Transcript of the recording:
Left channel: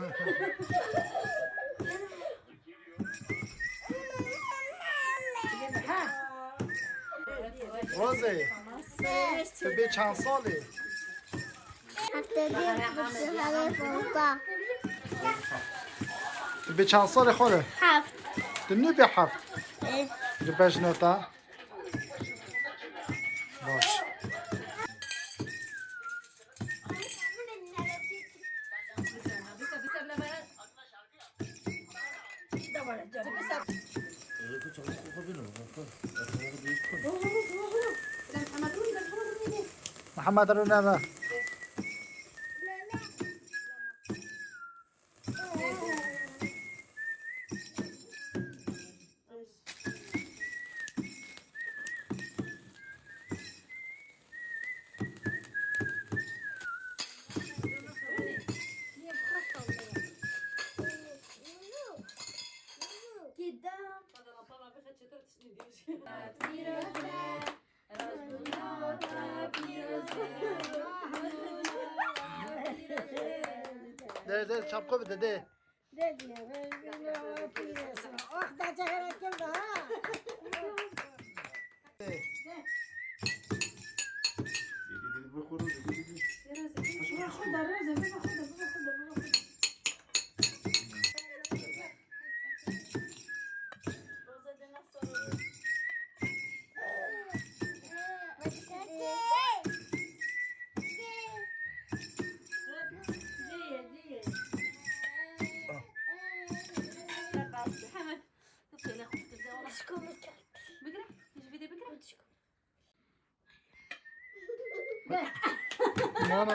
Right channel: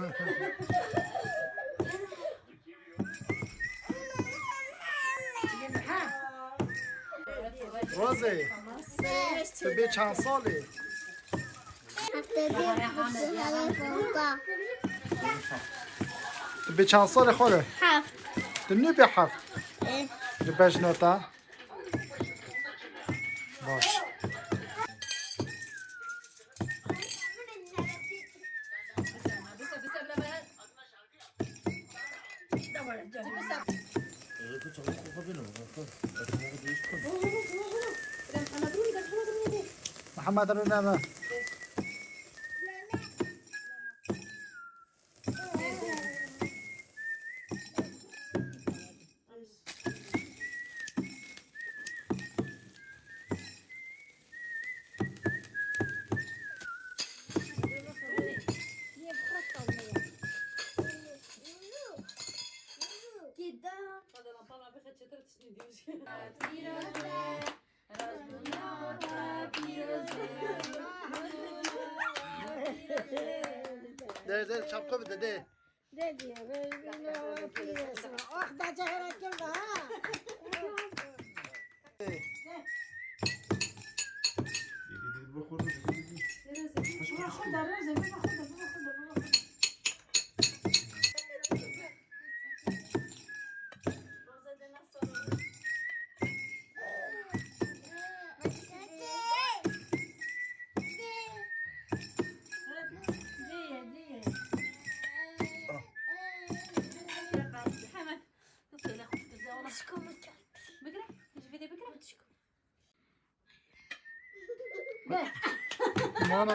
روزی تو به چند سالی؟ تو به چند سال خوره؟ 7 تو نو به 7 تو بجنوتا باش محمد رو نه ده çapka bir de de. ما انا